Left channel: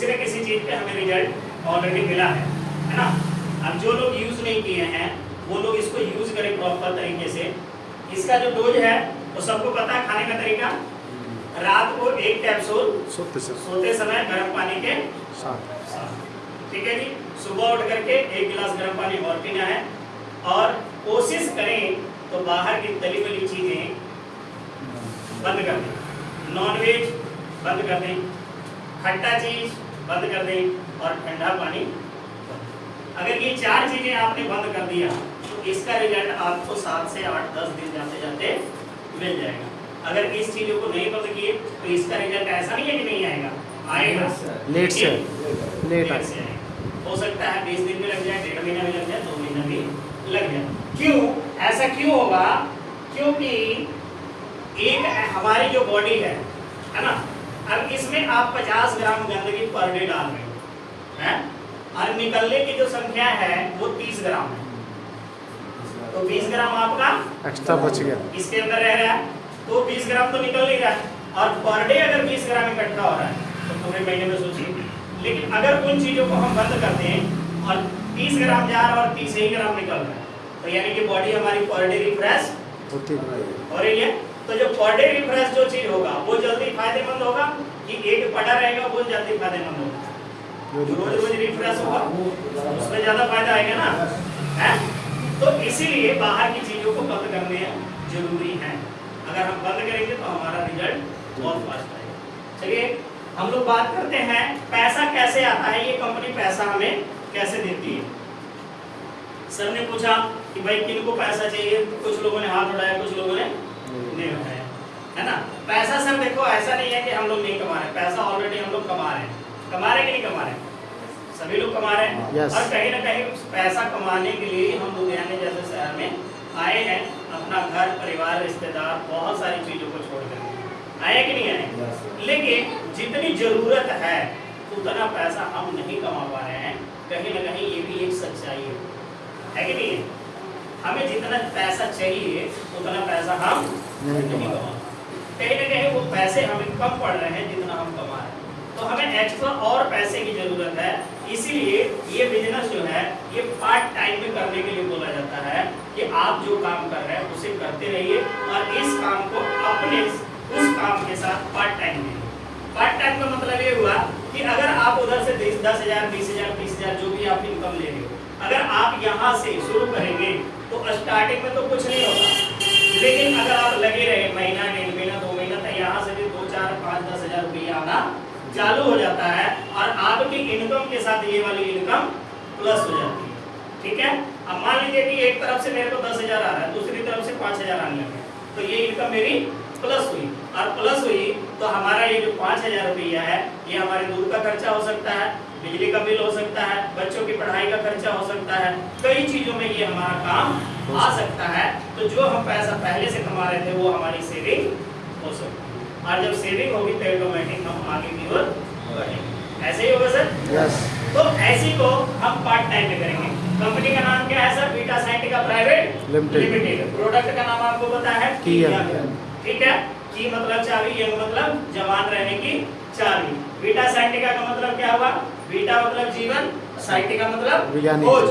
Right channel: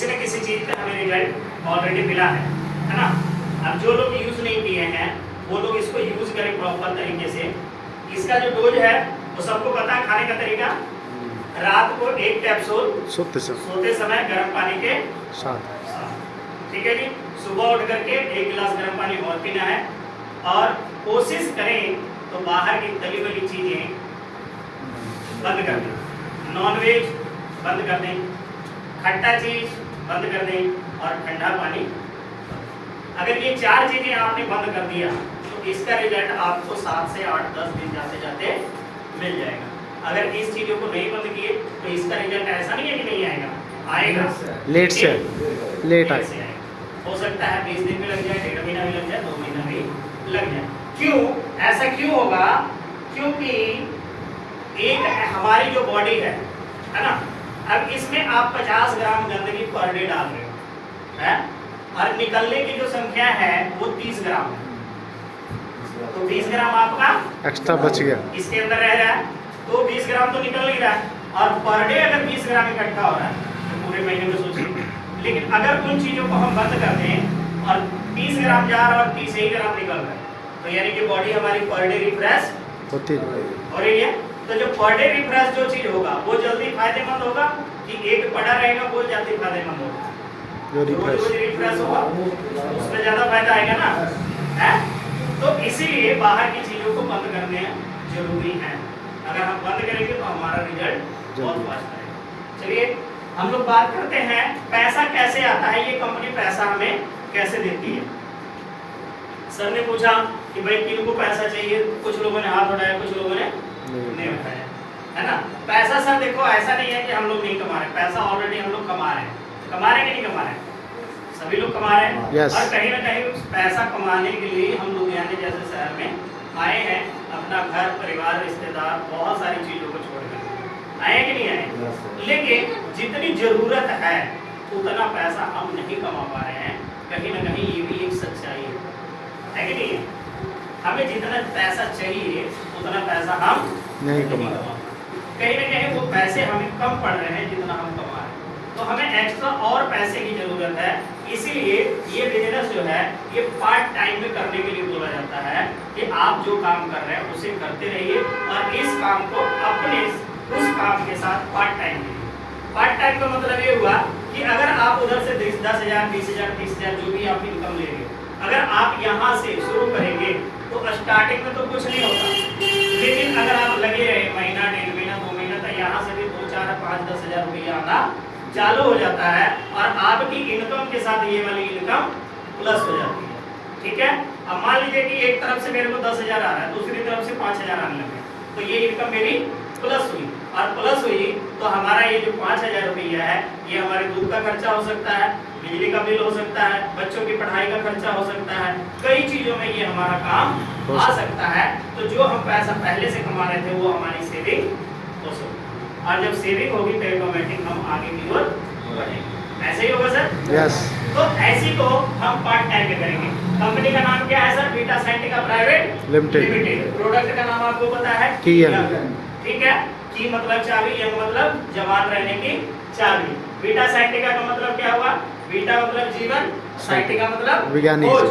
किसी न किसी चीज़ पे हमें रिजल्ट ऑलरेडी मिला है ना। अब जो लोग यूज़ नहीं किए हैं वो लोग इसको यूज़ करें प्रॉपर तरीके से। इसका जो डोज है वो सबको पता है, खाने का तरीका रात को 1 कैप्सूल सोते समय गर्म पानी के साथ, ठीक है जी। सुबह उठ करके 1 गिलास गर्म पानी और पीना है। और कोशिश करें तो बाहर की तली वाली चीज़ें बंद कर दें, नॉनवेज बंद कर दें, खट्टा चीज़ बंद कर दें और ठंडा पानी। अगर ये 4 चीज़ें आपने बंद कर दिया तो इसका रिजल्ट आपको 7 से 8-10 दिन जाते जाते मिल जाएगा। अगर इस चीज़ों को नहीं बंद किए तो इसका रिजल्ट ऐसा नहीं है कि नहीं आएगा, आएगा लेट से आएगा। हो सकता है 20 दिन में लग जाए, 1.5 महीना भी लग जाए, 2 महीना भी लग जाए। क्यों ऐसा क्यों होगा? क्योंकि एक हमारी जो बॉडी है ना, अब इसमें आप 50 ग्राम गंदगी पर डे डाल रहे हैं और निकलने की जो संख्या है वो 30 ग्राम है, तो 20 ग्राम आपका एक्स्ट्रा बच गया, इसके अंदर रह रहा है, तो 20 ग्राम तो निकल नहीं रहा है। और पर डे अगर 20 ग्राम इकट्ठा हो रहा है तो पूरे महीने में सोचिए। लेकिन अगर उन चीज़ों को हम बंद कर दें और 30 ग्राम जा रहा है और 30 ही ग्राम निकल रहा है, तो यानी कि बॉडी हमारी पर डे रिफ्रेश होती हो रही है। तो जो पर डे रिफ्रेश जो चीज़ होगा वो जल्दी फायदेमंद होगा कि एक पड़ा रहेगा वो जल्दी फायदेमंद होगा। रोज रिफ्रेश होगा उसमें ज़्यादा फायदा आएगा ना, है? तो इसीलिए बाहर की चीज़ों को बंद करने जरूरी है। अगर हम बंद करेंगे तो हमारा रिजल्ट बहुत फास्ट आएगा। चलिए हम लोग बात करते हैं पैसा कैसे आता है, ये कंपनी पैसा हमें कैसे देती है। सर ने पूछा कि भाई किनको पैसा चाहिए, कुछ लोगों ने हाथ उठाया, कुछ लोगों ने नहीं उठाया, है ना। पैसा सर देखो ऐसा नहीं है कि हम लोग नहीं कमा रहे, पैसा ऑलरेडी हम लोग कमा रहे हैं, कमा रहे कि नहीं कमा रहे, सभी लोग कमा रहे हैं। yes. और कहीं ना कहीं पैसा कमाने के लिए हम लुधियाने जैसे शहर में आए हैं, अपना घर परिवार रिश्तेदार बहुत सारी चीज़ों को छोड़कर आए कि नहीं आए। लेकिन जितनी ज़रूरत है उतना पैसा हम नहीं कमा पा रहे हैं। कहीं ना कहीं ये भी एक सच्चाई है कि नहीं है। हमें जितना पैसा चाहिए उतना पैसा हम नहीं कमा रहे, कहीं ना कहीं वो पैसे हमें कम पड़ रहे हैं जितना हम कमा रहे हैं। तो हमें एक्स्ट्रा और पैसे की ज़रूरत है। इसीलिए ये बिजनेस जो है ये पार्ट टाइम में करने के लिए बोला जाता है कि आप जो काम कर रहे हैं उसे करते रहिए और इस काम को अपने उस काम के साथ पार्ट टाइम करिए। पार्ट टाइम का मतलब ये हुआ कि अगर आप उधर से 10,000 20,000 30,000 जो भी आप इनकम ले रहे हो, अगर आप यहाँ से शुरू करेंगे तो स्टार्टिंग में तो कुछ नहीं होगा, लेकिन अगर आप लगे रहे महीना 1.5 महीना 2 महीना तो यहाँ से भी 2 4 5 10 हज़ार रुपया आना चालू हो जाता है और आपकी इनकम के साथ ये वाली इनकम प्लस हो जाती है। ठीक है, अब मान लीजिए कि एक तरफ से मेरे को 10,000 आ रहा है, दूसरी तरफ से 5,000 आने लगे, तो ये इनकम मेरी प्लस हुई और प्लस हुई तो हमारा ये जो 5,000 रुपया है ये हमारे दूध का खर्चा हो सकता है, बिजली का बिल हो सकता है, बच्चों की पढ़ाई का खर्चा हो सकता है, कई चीज़ों में ये हमारा काम आ सकता है। तो जो हम पैसा पहले से कमा रहे थे वो हमारी सेविंग हो सकती है और जब सेविंग होगी तो ऑटोमेटिक हम आगे की ओर बढ़ेंगे। ऐसे ही होगा सर? यस। तो ऐसी को हम पार्ट टाइम में करेंगे। कंपनी का नाम क्या है sir? Beta Scientifica Private Limited. Product का नाम आपको पता है? ठीक है, की मतलब चाबी, यंग मतलब जवान रहने की चाबी। बीटा साइंटिका का मतलब क्या हुआ? बीटा मतलब जीवन, साइंटिका मतलब खोज,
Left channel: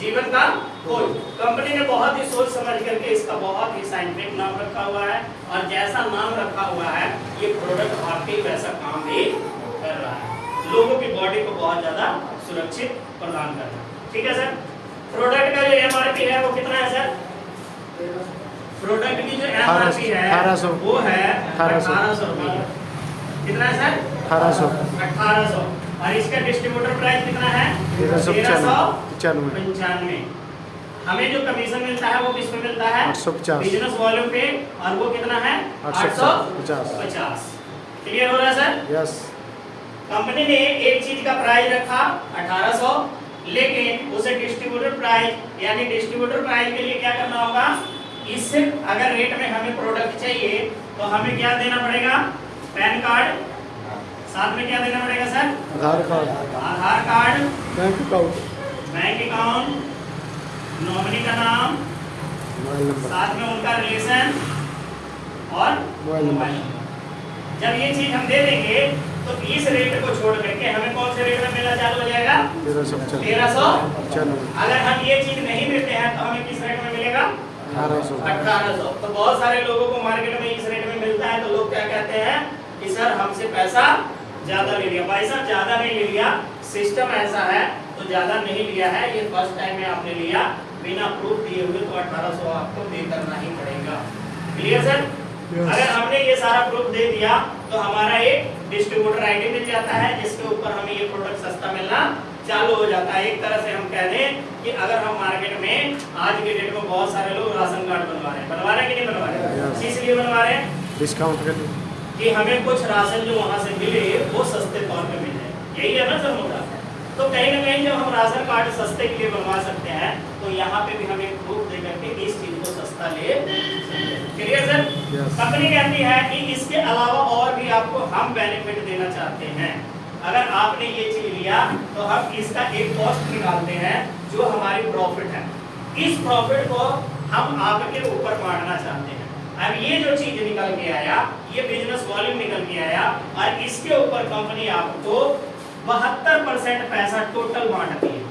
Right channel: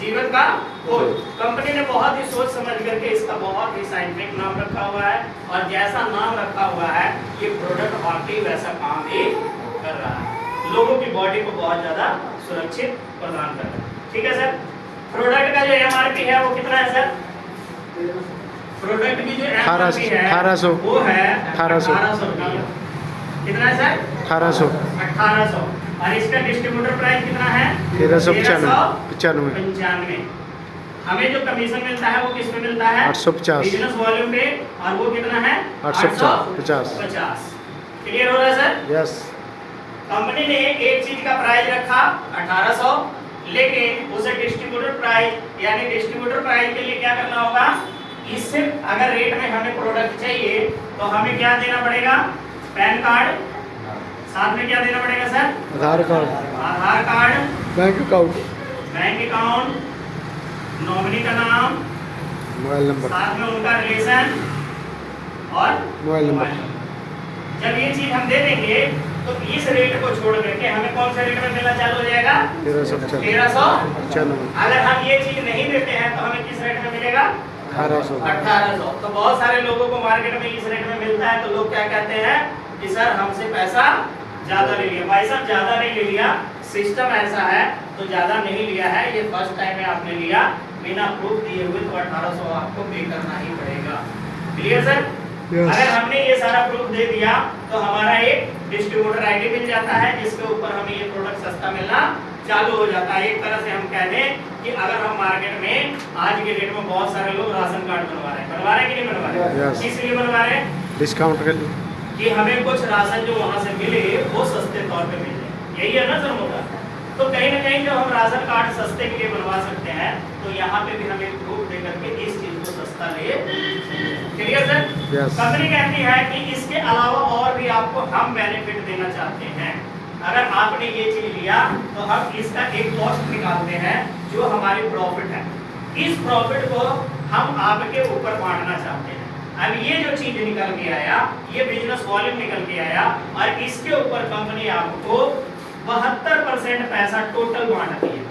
जीवन का खोज। कंपनी ने बहुत ही सोच समझ करके इसका बहुत ही साइंटिफिक नाम रखा हुआ है और जैसा नाम रखा हुआ है ये प्रोडक्ट वाकई वैसा काम भी कर रहा है, लोगों की बॉडी को बहुत ज्यादा सुरक्षित प्रदान कर रहा है। ठीक है सर, प्रोडक्ट का जो एमआरपी है वो कितना है सर? प्रोडक्ट की जो एमआरपी है 1800 वो है 1800 रुपया। कितना है सर? 1800। और इसका डिस्ट्रीब्यूटर प्राइस कितना है? 1395। हमें जो कमीशन मिलता है वो किस पे मिलता है? 850 बिजनेस वॉल्यूम पे, और वो कितना है? 850। क्लियर हो रहा है सर? यस। कंपनी ने एक चीज का प्राइस रखा 1800, लेकिन उसे डिस्ट्रीब्यूटर प्राइस यानी डिस्ट्रीब्यूटर प्राइस के लिए क्या करना होगा? इससे अगर रेट में हमें प्रोडक्ट चाहिए तो हमें क्या देना पड़ेगा? पैन कार्ड, साथ में क्या देना पड़ेगा सर? आधार कार्ड, बैंक अकाउंट, नॉमिनी का नाम, मोबाइल नंबर, साथ में उनका रिलेशन और मोबाइल नंबर। जब ये चीज हम दे देंगे तो इस रेट को छोड़ करके हमें कौन से रेट में मिलना चालू हो जाएगा? 1395। अगर हम ये चीज नहीं देते हैं तो हमें किस रेट में मिलेगा? 1800। तो बहुत सारे लोगों को मार्केट में इस रेट में मिलता है, तो लोग क्या कहते हैं कि सर हमसे पैसा ज्यादा ले लिया। भाई साहब ज्यादा नहीं ले लिया, सिस्टम ऐसा है तो ज्यादा नहीं लिया है, ये फर्स्ट टाइम में आपने लिया बिना प्रूफ दिए हुए, तो 1800 आपको पे करना ही पड़ेगा। Clear sir? अगर हमने ये सारा प्रूफ दे दिया तो हमारा एक डिस्ट्रीब्यूटर आईडी मिल जाता है, जिसके ऊपर हमें ये प्रोडक्ट सस्ता मिलना चालू हो जाता है। एक तरह से हम कह दें कि अगर हम मार्केट में आज के डेट में बहुत सारे लोग राशन कार्ड बनवा रहे हैं कि नहीं बनवा रहे? किस लिए बनवा रहे हैं? डिस्काउंट के लिए, कि हमें कुछ राशन जो वहां से मिले वो सस्ते तौर पे मिल जाए, यही है ना सर मुद्दा। तो कहीं ना कहीं जब हम राशन कार्ड सस्ते के लिए बनवा सकते हैं तो यहाँ पे भी हमें प्रूफ दे करके इस चीज को सस्ता ले। Clear sir? कंपनी कहती है कि इसके अलावा और भी आपको हम बेनिफिट देना चाहते हैं। अगर आपने ये चीज लिया तो हम इसका एक कॉस्ट निकालते हैं जो हमारी प्रॉफिट है, इस प्रॉफिट को हम आपके ऊपर बांटना चाहते हैं। अब ये जो चीज निकल के आया, ये बिजनेस वॉल्यूम निकल के आया, और इसके ऊपर कंपनी आपको 72% पैसा टोटल बांटती है।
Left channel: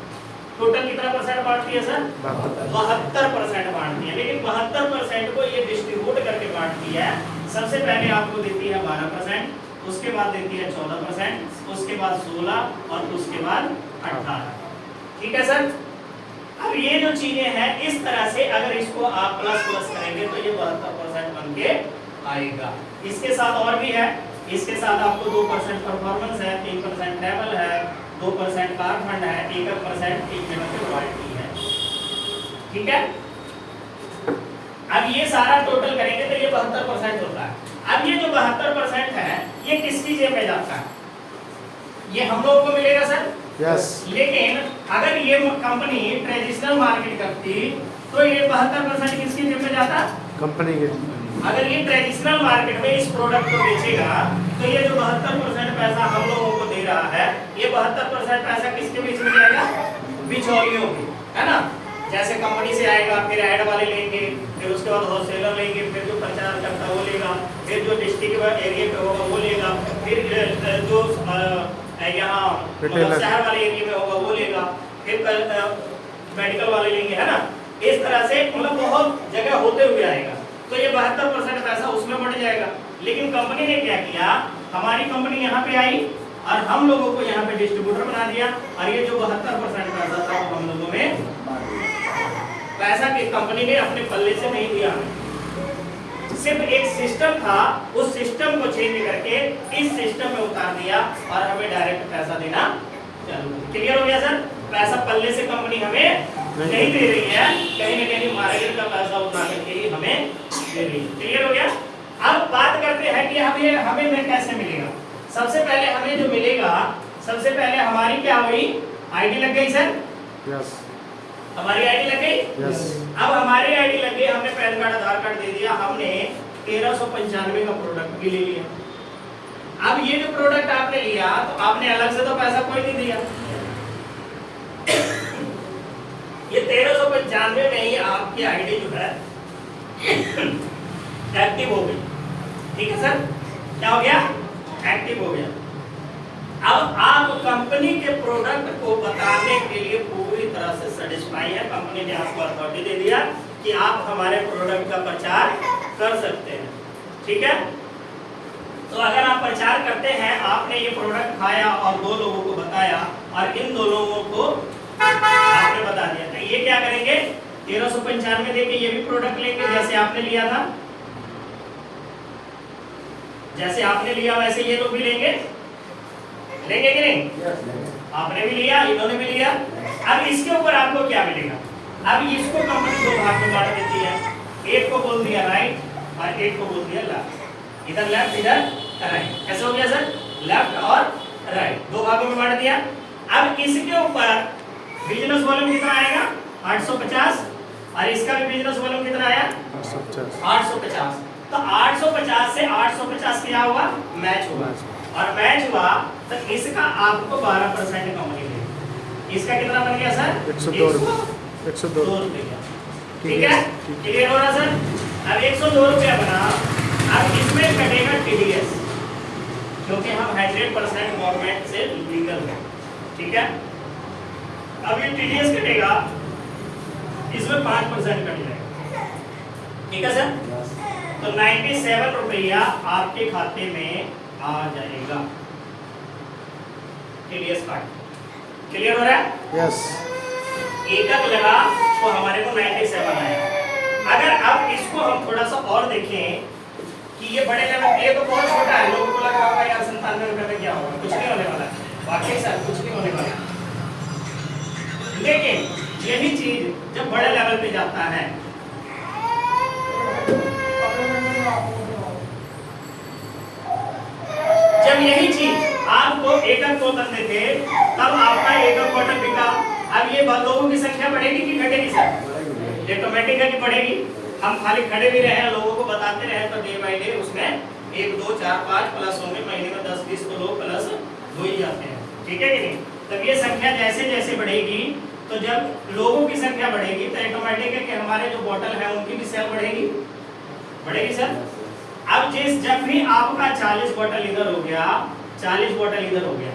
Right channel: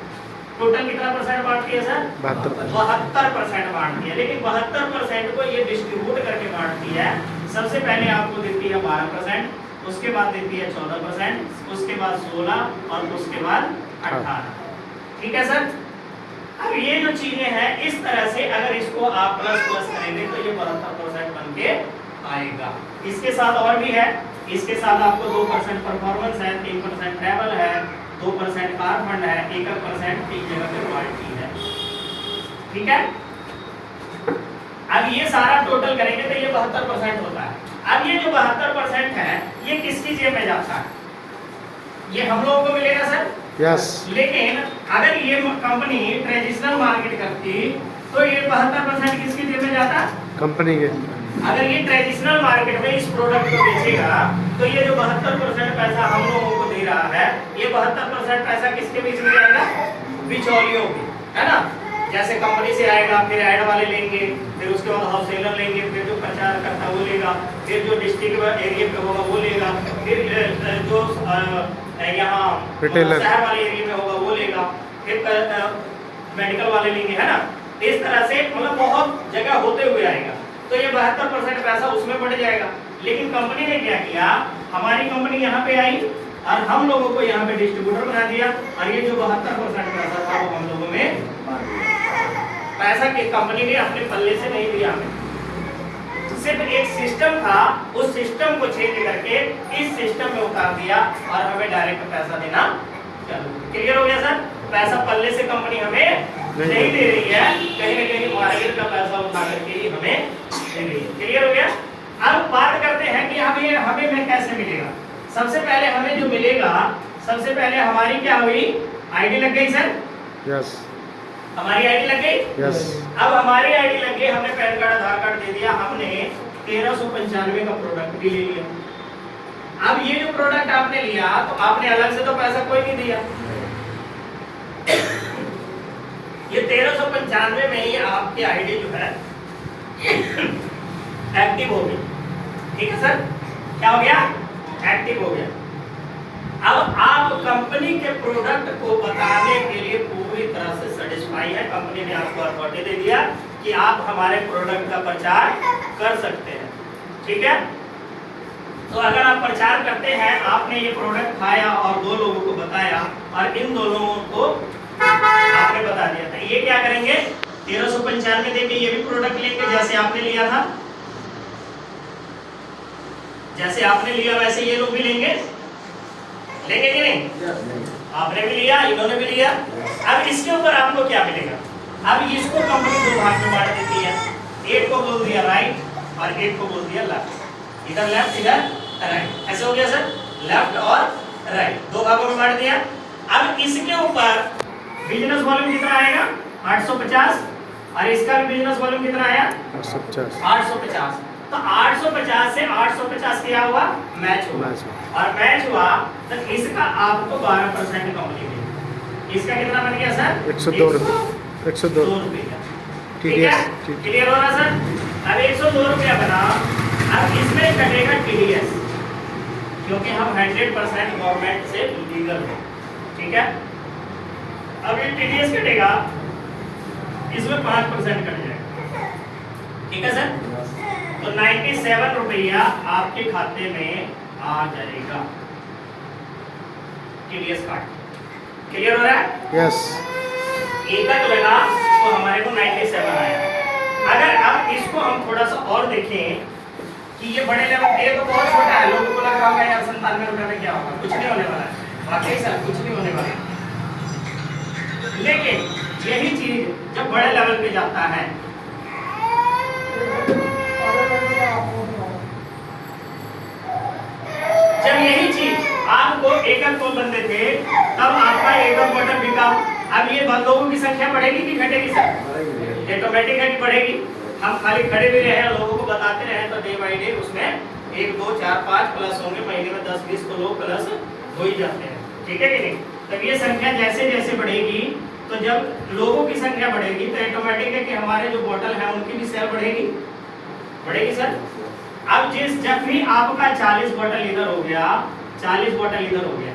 टोटल कितना परसेंट बांटती है सर? 72% बांटती है। लेकिन 72% को ये डिस्ट्रीब्यूट करके बांटती है। सबसे पहले आपको देती है 12%, उसके बाद देती है 14%, उसके बाद 16 और उसके बाद 18। ठीक है सर? अब ये जो चीजें हैं इस तरह से अगर इसको आप प्लस प्लस करेंगे तो ये 72% बन के आएगा। इसके साथ और भी है, इसके साथ आपको 2% परफॉर्मेंस है, 3% ट्रैवल है, 2% कार फंड है, 1% एक जगह पे रॉयल्टी है। ठीक है? अब ये सारा टोटल करेंगे तो ये 72% होता है। अब ये जो 72% है ये किसकी जेब में जाता है? ये हम लोगों को मिलेगा सर? यस। लेकिन अगर ये कंपनी ट्रेडिशनल मार्केट करती तो ये 72% किसकी जेब में जाता? कंपनी के। अगर ये ट्रेडिशनल मार्केट में इस प्रोडक्ट को बेचेगा तो ये जो 72% पैसा हम लोगों को दे रहा है, ये 72% पैसा किसके बीच में जाएगा? बिचौलियों के, है ना? जैसे कंपनी से आएगा, फिर ऐड वाले लेंगे, फिर उसके बाद होलसेलर लेंगे, फिर जो प्रचार करता है वो लेगा, फिर जो डिस्ट्रिक्ट एरिया पे होगा वो लेगा, फिर जो यहाँ शहर वाले एरिया में होगा वो लेगा, फिर मेडिकल वाले लेंगे, है ना? इस तरह से मतलब बहुत जगह होते हुए आएगा, तो ये 72% पैसा उसमें बढ़ जाएगा। लेकिन कंपनी ने क्या किया, हमारी कंपनी यहाँ पे आई और हम लोगों को यहाँ पे डिस्ट्रीब्यूटर बना दिया, और ये जो 72% पैसा था वो हम लोगों में पैसा की कंपनी ने अपने पल्ले से नहीं दिया, सिर्फ एक सिस्टम था, उस सिस्टम को चेंज करके इस सिस्टम में उतार दिया और हमें डायरेक्ट पैसा देना चालू। क्लियर हो गया सर? पैसा पल्ले से कंपनी हमें नहीं दे रही है, कहीं न कहीं मार्केट का पैसा उठा करके ही हमें दे रही है। क्लियर हो गया? अब बात करते हैं कि हमें कैसे मिलेगा। सबसे पहले हमें जो मिलेगा, सबसे पहले हमारी क्या हुई? आईडी लग गई सर? यस। हमारी आईडी लग गई? यस। अब हमारी आईडी लग गई, हमने पैन कार्ड आधार कार्ड दे दिया, हमने 1395 का प्रोडक्ट भी ले लिया। अब ये जो प्रोडक्ट आपने लिया तो आपने अलग से तो पैसा कोई नहीं दिया, ये 1395 में ही आपकी आईडी जो है एक्टिव हो गई। ठीक है सर? क्या हो गया? एक्टिव हो गया। अब आप कंपनी के प्रोडक्ट को बताने के लिए पूरी तरह से सेटिस्फाई है, कंपनी ने आपको अथॉरिटी दे दिया कि आप हमारे प्रोडक्ट का प्रचार कर सकते हैं। ठीक है? तो अगर आप प्रचार करते हैं, आपने ये प्रोडक्ट खाया और 2 लोगों को बताया और इन 2 लोगों को आपने बता दिया, तो ये क्या करेंगे? 1395 देके ये भी प्रोडक्ट लेंगे जैसे आपने लिया था, जैसे आपने लिया वैसे ये लोग भी लेंगे कि नहीं? आपने भी लिया, इन्होंने भी लिया। अब इसके ऊपर आपको क्या मिलेगा? अब इसको कंपनी 2 भाग में बांट देती है, एक को बोल दिया राइट और एक को बोल दिया लेफ्ट, इधर लेफ्ट इधर राइट। ऐसे हो गया सर? लेफ्ट और राइट 2 भागों में बांट दिया। अब इसके ऊपर बिजनेस वॉल्यूम कितना आएगा? 850, और इसका भी बिजनेस वॉल्यूम कितना आया? 850। तो 850 से 850 क्या हुआ? मैच हुआ, और मैच हुआ तो इसका आपको 12% कंपनी देगी। इसका कितना बन गया सर? 102 रुपये। 102 रुपये। ठीक है? क्लियर हो रहा सर? अब 102 रुपया बना, अब इसमें कटेगा टीडीएस। क्योंकि हम 100% गवर्नमेंट से लीगल है। ठीक है, अब ये टीडीएस कटेगा, इसमें 5% कट जाएगा। ठीक है सर, तो 97 रुपया आपके खाते में आ जाएगा टीडीएस काट। क्लियर हो रहा है? यस। एकक लगा तो हमारे को 97 आया। अगर अब इसको हम थोड़ा सा और देखें कि ये बड़े लेवल, ये तो बहुत छोटा है, लोगों को लग रहा है यार 97 रुपए में क्या होगा, कुछ नहीं होने वाला है। वाकई सर कुछ नहीं होने वाला, लेकिन यही चीज जब बड़े लेवल पे जाता है, जब यही चीज आपको एकक को बनते थे तब आपका एकक बटन बिका। अब ये लोगों की संख्या बढ़ेगी कि घटेगी सर? ये ऑटोमेटिक है कि बढ़ेगी। हम खाली खड़े भी रहे, लोगों को बताते रहे तो डे बाई डे उसमें 1 2 4 5 प्लस होंगे, महीने में 10 20 को लोग प्लस हो ही जाते हैं। ठीक है कि नहीं? तब ये संख्या जैसे जैसे बढ़ेगी, तो जब लोगों की संख्या बढ़ेगी तो ऑटोमेटिक है कि हमारे जो बोतल है उनकी भी सेल बढ़ेगी। बढ़ेगी सर। अब जब भी आपका 40 बोतल इधर हो गया, 40 बोतल इधर हो गया,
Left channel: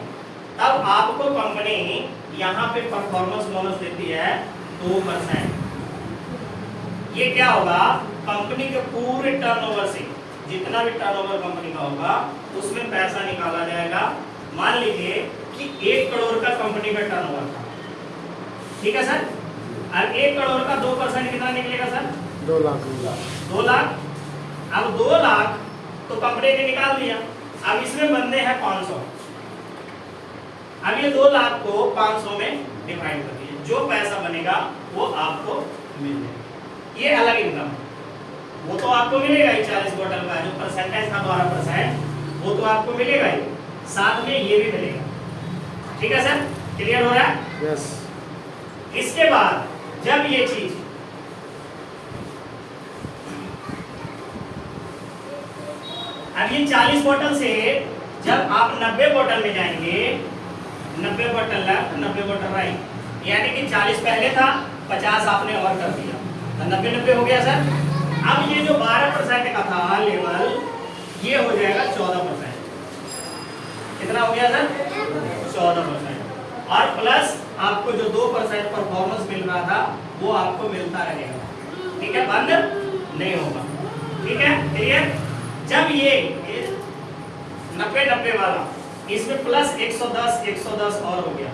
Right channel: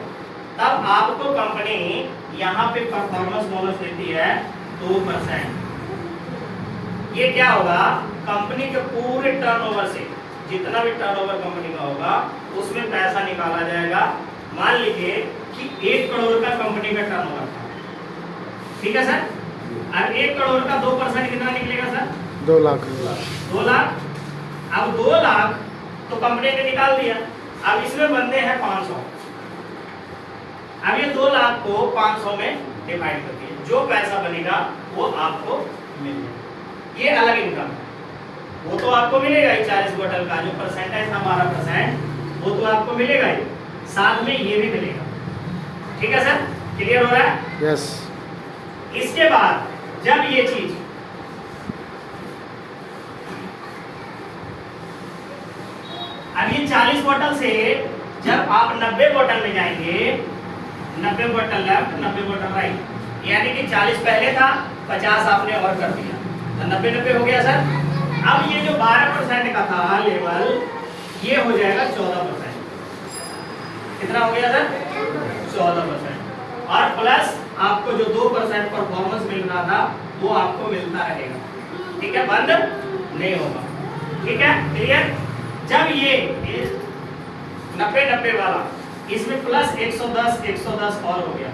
तब आपको कंपनी यहाँ पे परफॉर्मेंस बोनस देती है 2%। ये क्या होगा? कंपनी के पूरे टर्नओवर से जितना भी टर्नओवर कंपनी का होगा उसमें पैसा निकाला जाएगा। मान लीजिए कि 1 करोड़ का कंपनी का टर्नओवर था, ठीक है सर। अब 1 करोड़ का 2% कितना निकलेगा सर? 2 लाख। 2 लाख। अब 2 लाख तो कंपनी ने निकाल दिया। अब इसमें बंदे हैं 500। अब ये 2 लाख को 500 में डिवाइड कर दिए, जो पैसा बनेगा वो आपको मिलेगा। ये अलग इनकम, वो तो आपको मिलेगा ही। 40 बोतल का जो परसेंटेज था 12%, वो तो आपको मिलेगा ही, साथ में ये भी मिलेगा। ठीक है सर, क्लियर हो रहा है? यस। इसके बाद जब ये चीज अब ये 40 बोतल से जब आप 90 बोतल में जाएंगे, 90 बोतल लेफ्ट 90 बोतल राइट, यानी कि 40 पहले था, 50 आपने और कर दिया तो 90 हो गया सर। अब ये जो 12% का था लेवल, ये हो जाएगा 14%। कितना हो गया सर? 14%। और प्लस आपको जो 2% परफॉर्मेंस मिल रहा था वो आपको मिलता रहेगा। ठीक है, बंद नहीं होगा। ठीक है, क्लियर? जब ये 90 वाला इसमें प्लस 110 और हो गया,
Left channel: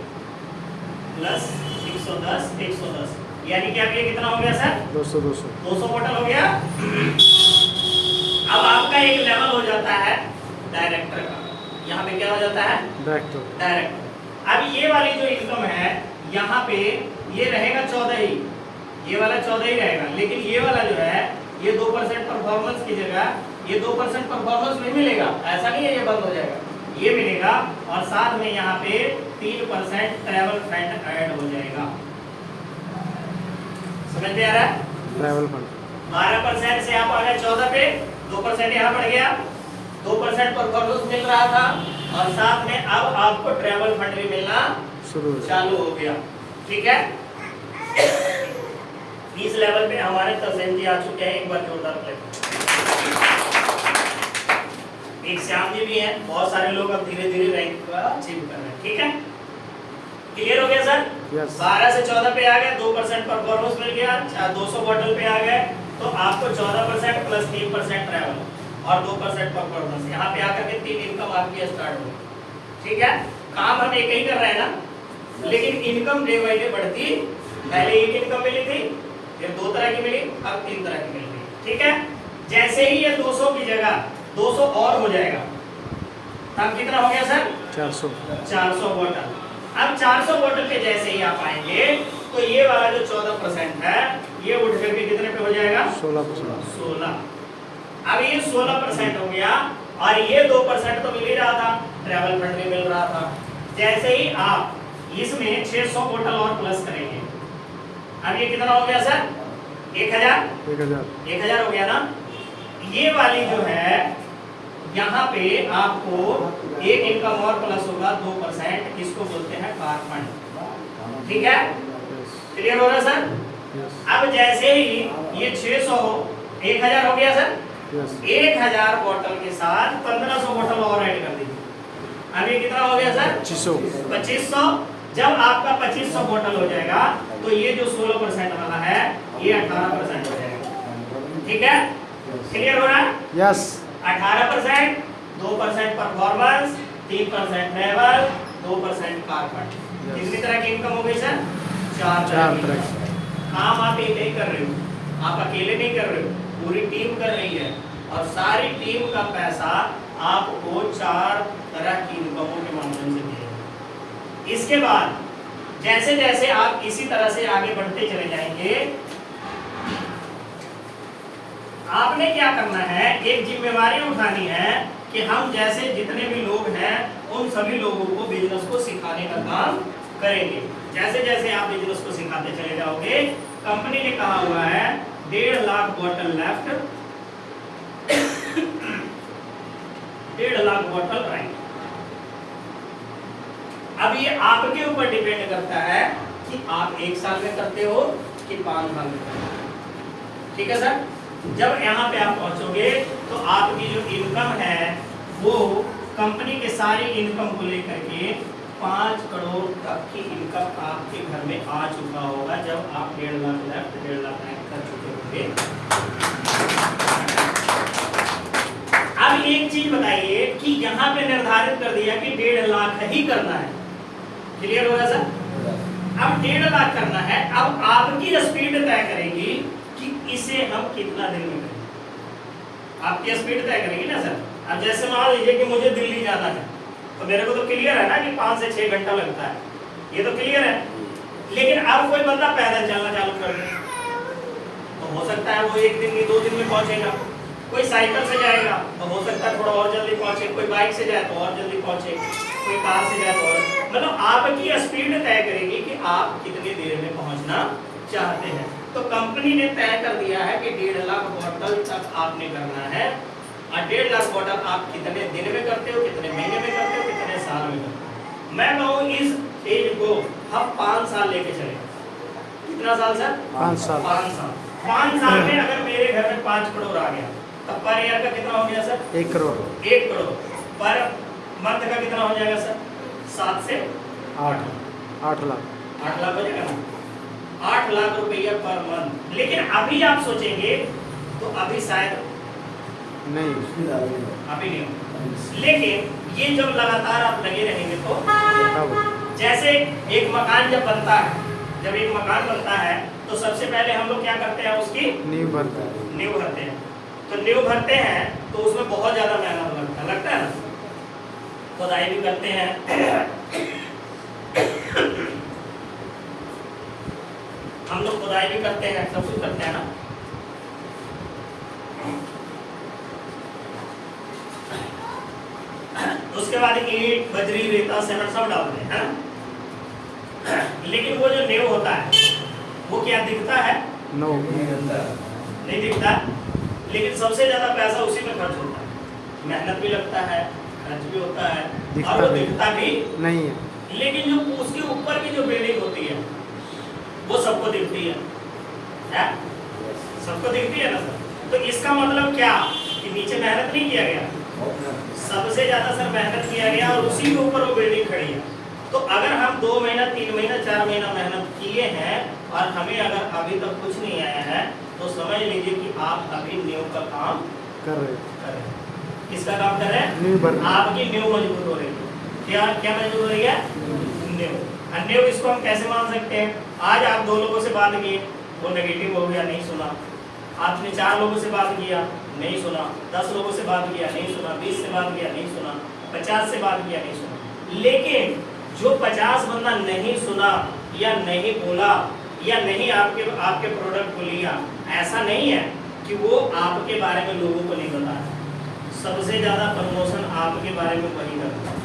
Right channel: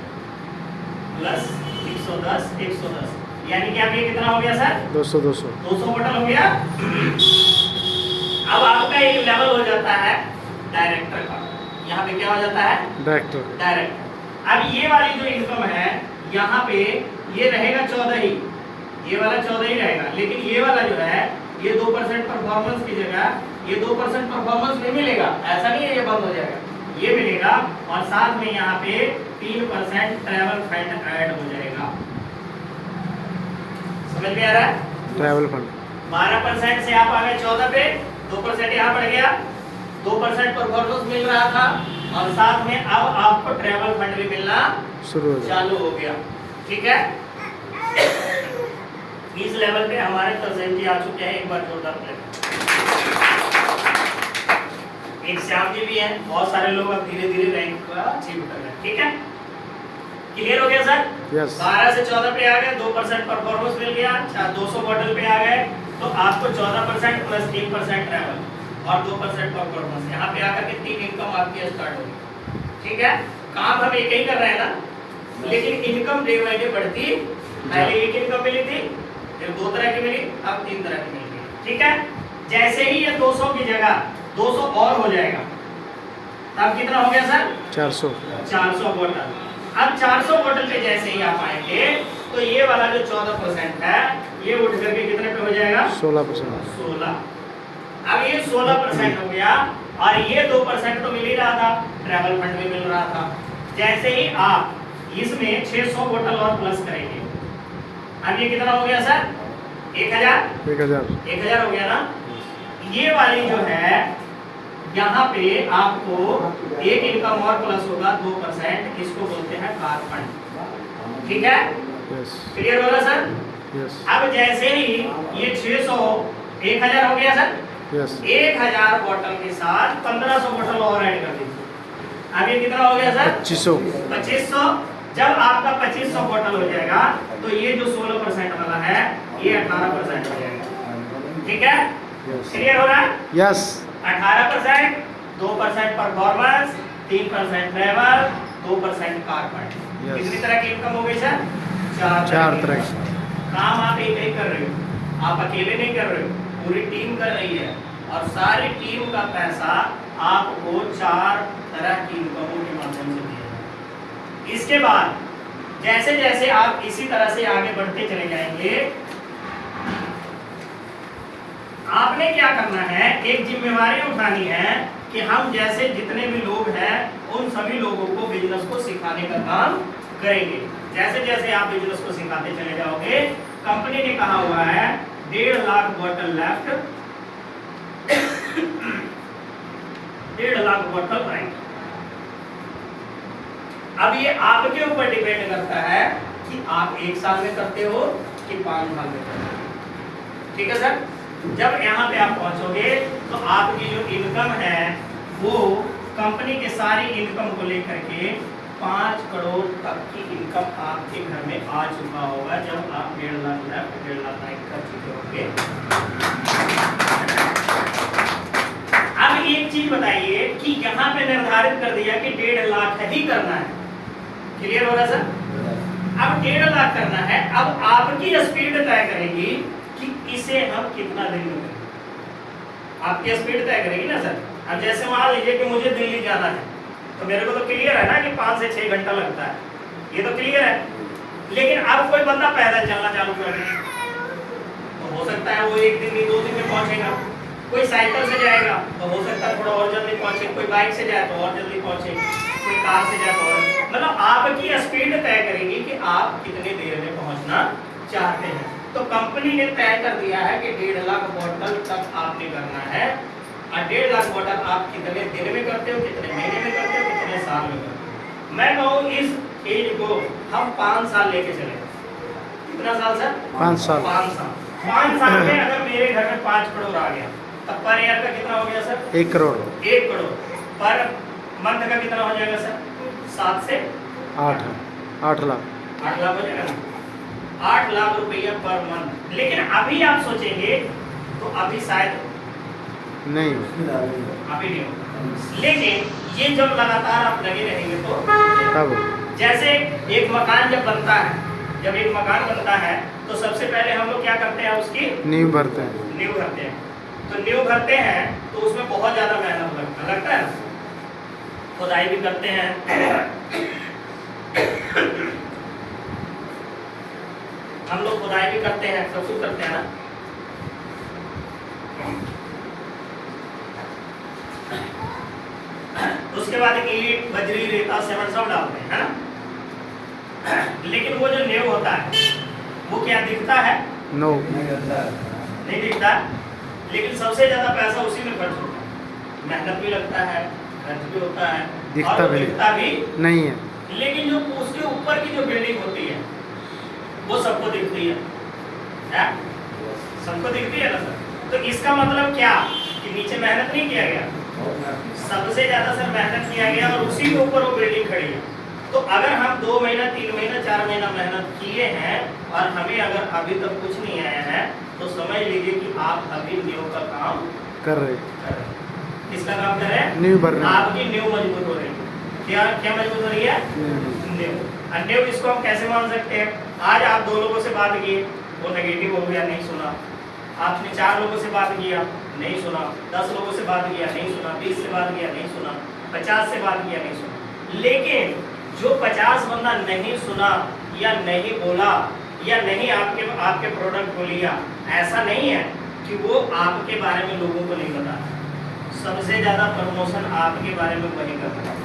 प्लस 110 यानी कि अब ये कितना हो गया सर? 200 बोतल हो गया। अब आपका एक लेवल हो जाता है डायरेक्टर का। यहाँ पे क्या हो जाता है? डायरेक्टर। अब ये वाली जो इनकम है यहाँ पे ये रहेगा 14 ही, ये वाला 14 ही रहेगा, लेकिन ये वाला जो है ये 2% परफॉर्मेंस की जगह ये 2% परफॉर्मेंस नहीं मिलेगा। ऐसा नहीं है ये बंद हो जाएगा, ये मिलेगा। और साथ में यहाँ पे 3% ट्रैवल फंड ऐड हो जाएगा। समझ में आ रहा है? ट्रैवल फंड 12% से आप आ गए 14 पे, 2% यहाँ बढ़ गया, 2% परफॉर्मेंस मिल रहा था, और साथ में अब आपको ट्रैवल फंड भी मिलना चालू हो गया। ठीक है, इस लेवल पे हमारे तस्वीर जी आ चुके हैं। एक बार जोरदार एक श्याम जी भी है, बहुत सारे लोग अब धीरे धीरे रैंक को अचीव कर रहे हैं। ठीक है, क्लियर हो गया सर? यस। 12 से 14 पे आ गए, 2% परफॉर्मेंस मिल गया, 200 बोतल पे आ गए, तो आपको 14% प्लस 3% ट्रैवल और 2% परफॉर्मेंस, यहाँ पे आकर के 3 इनकम आपकी स्टार्ट होगी। ठीक है, काम हम एक ही कर रहे हैं ना, लेकिन इनकम डे बाई डे बढ़ती। पहले एक इनकम मिली थी, फिर 2 तरह की मिली, अब 3 तरह की मिल गई। ठीक है, जैसे ही ये 200 की जगह 200 और हो जाएगा, तब कितना हो गया सर? 400 बोतल। अब 400 बोतल पे जैसे ही आप आएंगे तो ये वाला जो 14% है ये उठ करके कितने पे हो जाएगा? 16%। 16। अब ये 16% हो गया, और ये 2% तो मिल ही रहा था, ट्रैवल फंड भी मिल रहा था। जैसे ही आप इसमें 600 बोतल और प्लस करेंगे, अब ये कितना हो गया सर? 1000 हो गया ना। ये वाली जो है यहाँ पे आपको एक इनकम और प्लस होगा 2%, इसको बोलते हैं कार फंड। ठीक है, क्लियर हो रहा सर? यस। अब जैसे ही ये 600 1000 हो गया सर, यस। 1000 बोतल के साथ 1500 बोतल और ऐड कर दीजिए। अब ये कितना हो गया सर? 2500। 2500। जब आपका 2500 बोतल हो जाएगा तो ये जो 16% वाला है ये 18% हो जाएगा। ठीक है, क्लियर हो रहा है? Yes. 18%, 2% performance, 3% level, 2% carbon. Yes. कितनी तरह की इनकम हो गई सर? चार तरह की। की। काम आप एक नहीं कर रहे हो, आप अकेले नहीं कर रहे हो, पूरी टीम कर रही है और सारी टीम का पैसा आपको 4 तरह की इनकमों के माध्यम से मिलेगा। इसके बाद जैसे जैसे आप इसी तरह से आगे बढ़ते चले जाएंगे, आपने क्या करना है, एक जिम्मेवारी उठानी है कि हम जैसे जितने भी लोग हैं उन सभी लोगों को बिजनेस को सिखाने का काम करेंगे। जैसे जैसे आप बिजनेस को सिखाते चले जाओगे, कंपनी ने कहा हुआ है 1.5 लाख बोतल लेफ्ट, 1.5 लाख बोतल राइट। अब ये आपके ऊपर डिपेंड करता है कि आप 1 साल में करते हो कि 5 साल में करते हो। ठीक है सर? जब यहाँ पे आप पहुंचोगे तो आपकी जो इनकम है वो कंपनी के सारी इनकम को लेकर के 5 करोड़ तक की इनकम आपके घर में आ चुका होगा जब आप 1.5 लाख लेफ्ट 1.5 लाख राइट कर चुके होंगे। अब एक चीज बताइए कि यहाँ पे निर्धारित कर दिया कि 1.5 लाख ही करना है। क्लियर हो रहा सर? अब 1.5 लाख करना है। अब आपकी स्पीड तय करेगी कि इसे हम कितना दिन में करेंगे। आपकी स्पीड तय करेगी ना सर। अब जैसे मान लीजिए कि मुझे दिल्ली जाना है तो मेरे को तो क्लियर है ना कि 5 से 6 घंटा लगता है, ये तो क्लियर है। लेकिन अब कोई बंदा पैदल चलना चालू कर दे तो हो सकता है वो 1 दिन नहीं 2 दिन में पहुंचेगा। कोई साइकिल से जाएगा तो हो सकता है थोड़ा और जल्दी पहुंचे, कोई बाइक से जाए तो और जल्दी पहुंचे, कोई कार से जाए तो और, मतलब आपकी स्पीड तय करेगी कि आप कितनी देर में पहुंचना चाहते हैं। तो कंपनी ने तय कर दिया है कि 1.5 लाख बोतल तक आपने करना है। और 1.5 लाख बोतल आप कितने दिन में करते हो, कितने महीने में करते हो, कितने साल में करते हो। मैं कहूँ इस एज को हम 5 साल लेके चले। कितना साल सर? 5 साल। 5 साल। 5 साल में अगर मेरे घर में 5 करोड़ आ गया तब पर ईयर का कितना हो गया sir? 1 crore. 1 crore. Per month का कितना हो जाएगा सर? 7 से 8 लाख। 8 लाख हो जाएगा ना, 8 लाख रुपया पर मंथ। लेकिन अभी आप सोचेंगे तो अभी शायद नहीं, अभी नहीं होगा। लेकिन ये जब लगातार आप लगे रहेंगे तो तब जैसे एक मकान जब बनता है, जब एक मकान बनता है तो सबसे पहले हम लोग क्या करते हैं, उसकी नींव भरते हैं। नींव भरते हैं। तो नींव भरते हैं तो उसमें बहुत ज्यादा मेहनत लगता है ना, खुदाई भी करते हैं, हम लोग खुदाई भी करते हैं, सब कुछ करते हैं ना। उसके बाद ईंट बजरी रेता सीमेंट सब डालते हैं, है ना। लेकिन वो जो नींव होता है वो क्या दिखता है? नो, नहीं दिखता। लेकिन सबसे ज्यादा पैसा उसी में खर्च होता है, मेहनत भी लगता है, खर्च भी होता है, और वो दिखता भी नहीं है। लेकिन जो उसके ऊपर की जो बिल्डिंग होती है वो सबको दिखती है, सबको दिखती है ना सर। तो इसका मतलब क्या कि नीचे मेहनत नहीं किया गया, सबसे ज्यादा सर मेहनत किया गया और उसी के ऊपर वो बिल्डिंग खड़ी है। तो अगर हम 2 महीना 3 महीना 4 महीना मेहनत किए हैं और हमें अगर अभी तक कुछ नहीं आया है तो समझ लीजिए कि आप अभी नींव का काम कर रहे। किसका काम कर रहे हैं? नींव भर। आपकी नींव मजबूत हो रही है। क्या क्या मजबूत हो रही है? नींव। नींव इसको हम कैसे मान सकते हैं? आज आप 2 लोगों से बात की, वो नेगेटिव हो गया, नहीं सुना। आपने 4 लोगों से बात किया, नहीं सुना। 10 लोगों से बात किया, नहीं सुना। 20 से बात किया, नहीं सुना। 50 से बात किया, नहीं सुना। लेकिन जो 50 बंदा नहीं सुना या नहीं बोला या नहीं आपके प्रोडक्ट को लिया, ऐसा नहीं है कि वो आपके बारे में लोगों को नहीं पता। सबसे ज्यादा प्रमोशन आपके बारे में वही करता है,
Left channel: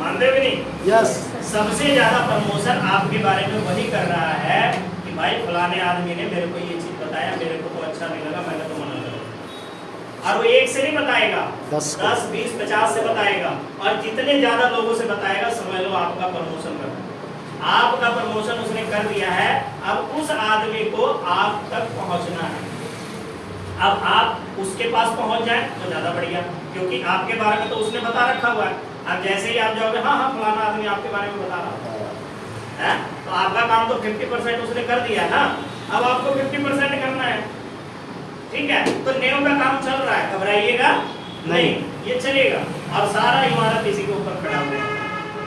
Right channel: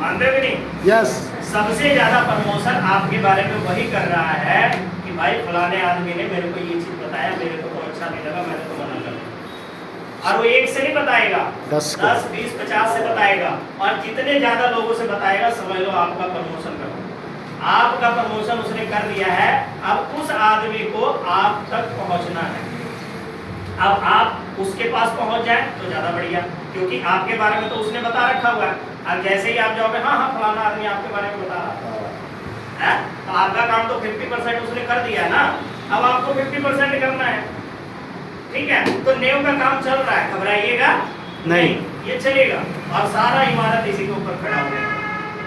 मानते भी नहीं? यस। सबसे ज्यादा प्रमोशन आपके बारे में वही कर रहा है कि भाई फलाने आदमी ने मेरे को ये चीज बताया, मेरे को तो अच्छा नहीं लगा, मैंने तो मना कर दिया। और वो एक से नहीं बताएगा, 10, 20, 50 से बताएगा। और जितने ज्यादा लोगों से बताएगा समझ लो आपका प्रमोशन कर, आपका प्रमोशन उसने कर दिया है। अब उस आदमी को आप तक पहुंचना है। अब आप उसके पास पहुंच जाए तो ज्यादा बढ़िया, क्योंकि आपके बारे में तो उसने बता रखा हुआ है। अब जैसे ही आप जाओगे हाँ हाँ फलाना आदमी आपके बारे में बता रहा है, तो आपका काम तो 50% उसने कर दिया ना, अब आपको 50% करना है। ठीक है, तो नेव का काम चल रहा है, घबराइएगा नहीं, ये चलेगा और सारा इमारत इसी के ऊपर खड़ा हुआ है।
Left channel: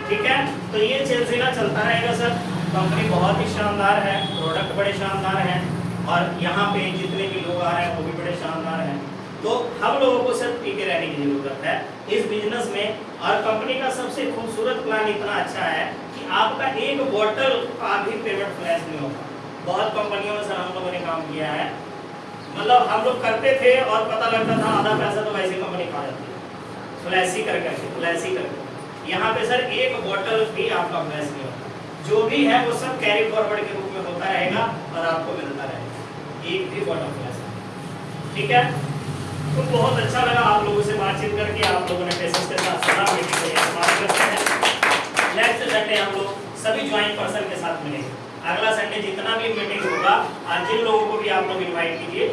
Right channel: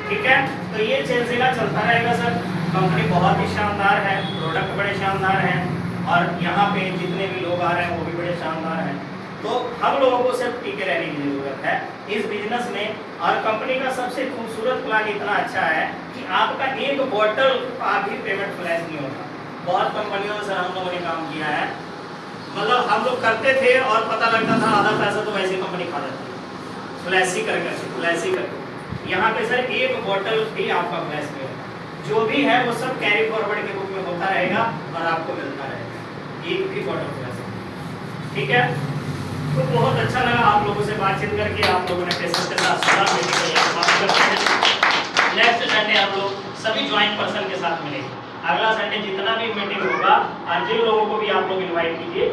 ठीक है, तो ये सिलसिला चलता रहेगा सर। कंपनी बहुत ही शानदार है, प्रोडक्ट बड़े शानदार हैं और यहाँ पे जितने भी लोग आ रहे हैं वो भी बड़े शानदार हैं। तो हम लोगों को सिर्फ टिके रहने की जरूरत है इस बिजनेस में। और कंपनी का सबसे खूबसूरत प्लान इतना अच्छा है कि आपका एक बोतल का भी पेमेंट फ्लैश नहीं होता। बहुत कंपनियों में सर हम लोगों ने काम किया है, मतलब हम लोग करते थे और पता लगता था आधा पैसा तो वैसे कंपनी खा जाती है, फ्लैश ही करके। यहाँ पे सर एक बोतल भी आपका फ्लैश नहीं होता, जो भी है वो सब कैरी फॉरवर्ड के रूप में होता रहेगा और आपको मिलता रहेगा, एक भी बोतल फ्लैश। ठीक है, तो बहुत अच्छा लगा आप लोगों से बातचीत करके, आप लोगों ने पेशेंस के साथ सुना। नेक्स्ट संडे हम लोग सभी ज्वाइंट पर्सन के साथ मिलेंगे। अगला संडे जितना भी मीटिंग होगा और जिन लोगों को भी आप लोग इनवाइट कीजिए